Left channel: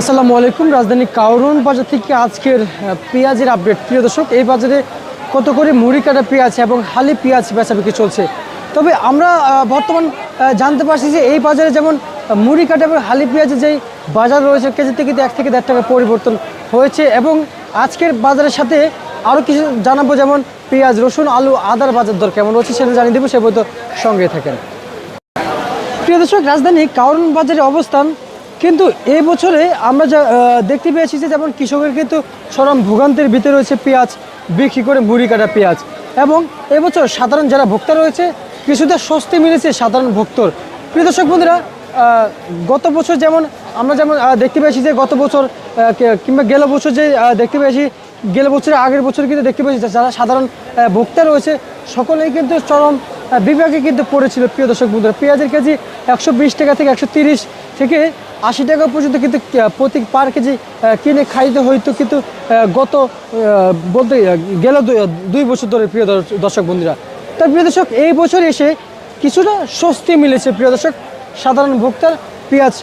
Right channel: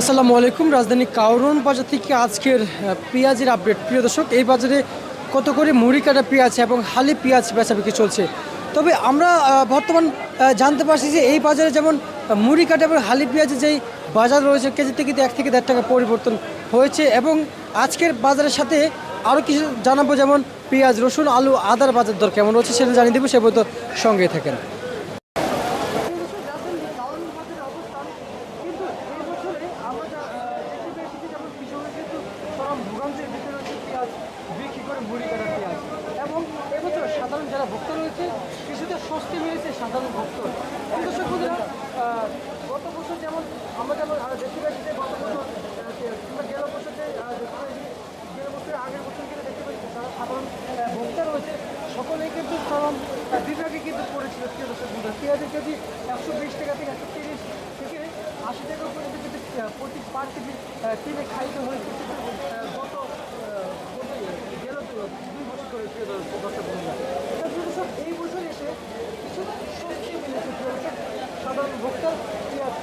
আসসালামু আলাইকুম। রাজধানী কাউরন বাজার থেকে আজকের পেঁয়াজের আপডেট। প্রিয় দর্শক, এই বাজারে কত করে মুড়ি কাটা পেঁয়াজ এবং হালি পেঁয়াজ বেচাবিক্রি চলছে। তবে আমরা বর্তমান জানতে পারছি যে এই বাজারে যেমন মুড়ি কাটা এবং হালি পেঁয়াজের যেই বাজার রয়েছে কেজিতে কিন্তু 1 থেকে 1.5 টাকা পরিবর্তন হয়েছে। এবং আজকের বাজারের সাথে আরও কিছু জানাবো, যেমন পেঁয়াজ, রসুন, আলু, আদার বাজার দর কেমন রয়েছে সেটা জানিয়ে দেবো। সে বলতো সঙ্গে থাকেন। প্রিয় দর্শক, রাজধানী কাউরন বাজারে অবস্থান কিন্তু এই বছরে আমরা যা দেখতে পেয়েছি যে যেমন কৃষকের কিন্তু চরম ভোগান্তির ভিতরে রয়েছে পেঁয়াজ বিক্রি করে মুড়ি কাটা পেঁয়াজ। এবং এবছর সাধারণ যারা ভোক্তা রয়েছে কিছুটা স্বস্তি মিলেছে সাধারণ ভোক্তর। প্রিয় দর্শক বন্ধুরা, গত বছর যেমন আমরা দেখতে পেয়েছি যে গত বছর কিংবা গেল বছর যে দেখতে পেয়েছি, গেল বছরের আগের বছর কিন্তু দেখতে পেয়েছি যারা সাধারণ ভোক্তা রয়েছে সকলেই কিন্তু চরম বিভাগে কিন্তু পড়েছিল। প্রিয় দর্শক বন্ধুরা, পেঁয়াজের কেজি 120 টাকা থেকে 130 থেকে 80 টাকা পর্যন্ত কিন্তু প্রতি পার কেজি কিনে খাইতে হইতো, কিন্তু গত বলতে গেল 2 বছর ধরে। প্রিয় দর্শক বন্ধুরা, তাই প্রিয় দর্শক এই বছর এসে কিছুটা স্বস্তি মিলেছে প্রিয় দর্শক সাধারণ ভোক্তার পেঁয়াজ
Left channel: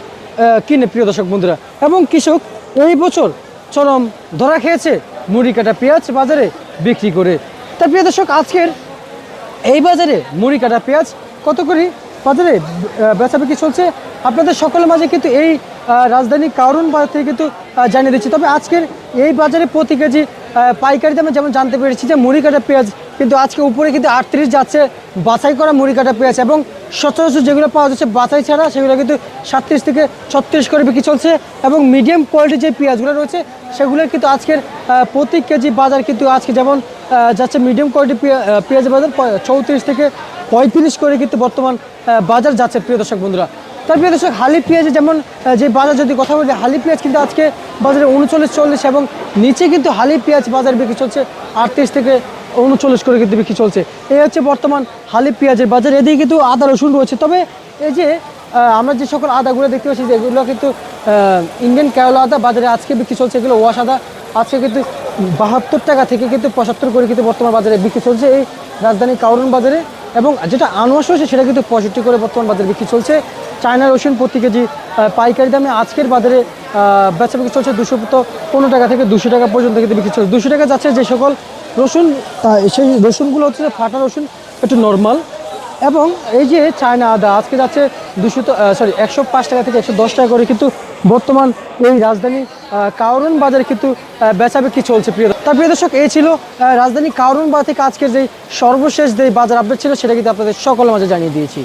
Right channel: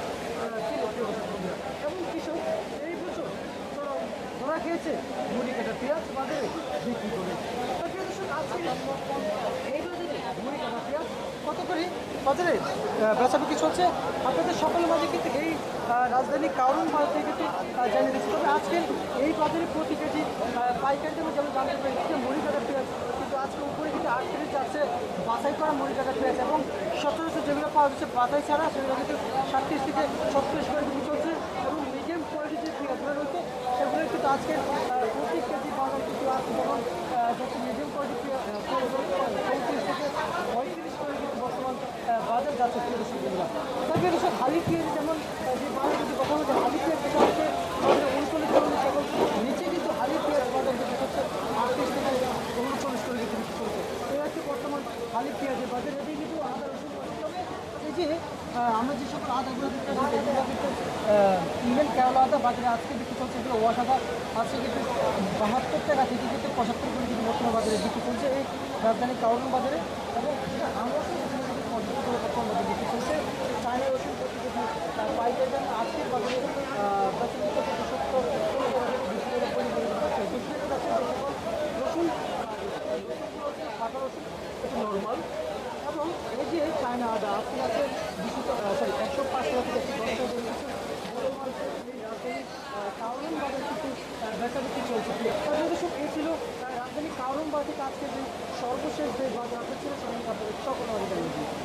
কিনে। প্রিয় দর্শক বন্ধুরা, এবং কৃষক এই বছর চরম ধরা খেয়েছে মুড়ি কাটা পেঁয়াজ বাজারে বিক্রি করে। তাই প্রিয় দর্শক, আজকের এই বাজারে মুড়ি কাটা পেঁয়াজ কত করে বাজারে বেচাবিক্রি চলছে আপনাদের সকলের মাঝে কিন্তু এই রাজধানী কাউরন বাজার থেকে কিন্তু জানিয়ে দিচ্ছি। তবে আজকের এই বাজারে প্রতি কেজি পাইকারি দামে যেমন জানতে পেরেছি যে মুড়ি কাটা পেঁয়াজ কিন্তু আজকে উপরে কিন্তু 38 যাচ্ছে বাছাই করা মুড়ি কাটা পেঁয়াজ, এবং সচরাচর যেগুলো পাওয়া যাচ্ছে বাছাই ছাড়া সেগুলো কিন্তু 37 থেকে 36 করে বিক্রি চলছে। এবং মিডিয়াম কোয়ালিটির যে পেঁয়াজগুলো রয়েছে সেগুলোর কিন্তু আজকের প্রতি কেজি বাজার কিন্তু আজকে যেমন যাচ্ছে মিডিয়াম কোয়ালিটি পেঁয়াজের বাজার 34 থেকে 35 করে কিন্তু বর্তমান বাজার যাচ্ছে। প্রিয় দর্শক বন্ধুরা, তার প্রিয় দর্শক, হালি পেঁয়াজে যেমন যে বাজার যদি কথা বলি, হালি পেঁয়াজ কিন্তু আজকে বাজারে 39-40 এবং নিচে কিন্তু হালি পেঁয়াজ বাজার বিক্রি চলছে 38 থেকে 39 করে কিন্তু বিক্রি চলছে। এই হচ্ছে বর্তমান হালি পেঁয়াজের বাজার। এদিকে কিন্তু আদা রসুন রয়েছে। তবে এই যে আমরা যে সকল আদাগুলো দেখতে পাচ্ছি যেগুলো কিন্তু ইন্ডিয়ান কেরলা আদা বাজারে আজকে বিক্রি চলছে। এগুলো ওয়াশ আদা আজকে কিন্তু 72 টাকা থেকে কিন্তু 75 করে কিন্তু বর্তমান বাজারে বিক্রি চলছে এই রাজধানী কাউরন বাজারে। এবং যেটা আনওয়াশ রয়েছে সেটা কিন্তু 65 করে বর্তমান বাজারে বিক্রি চলছে। চায়না রসুন প্রতি কেজি পাইকারি দামে আজকের বাজারে বেচা বিক্রি চলছে 215 টাকা থেকে 200 টাকা পর্যন্ত কিন্তু বিক্রি চলছে। 200 টাকা যাচ্ছে যে সকল রসুন, সেই রসুনগুলো হচ্ছে ফাটা রসুন, একটু নর্মাল। এবং এই যে চায়না আদা আজকে যাচ্ছে 105 টাকা থেকে 110 টাকা করে কিন্তু বর্তমান এই রাজধানী কাউরন বাজারে কিন্তু বেচা বিক্রি চলছে। প্রিয় দর্শক, এই ছিল রাজধানী কাউরন বাজার থেকে আজকের যে সর্বশেষ যে বাজার আপডেট ছিল সেটা কিন্তু আপনাদের সকলের মাঝে জানিয়ে দিয়েছি।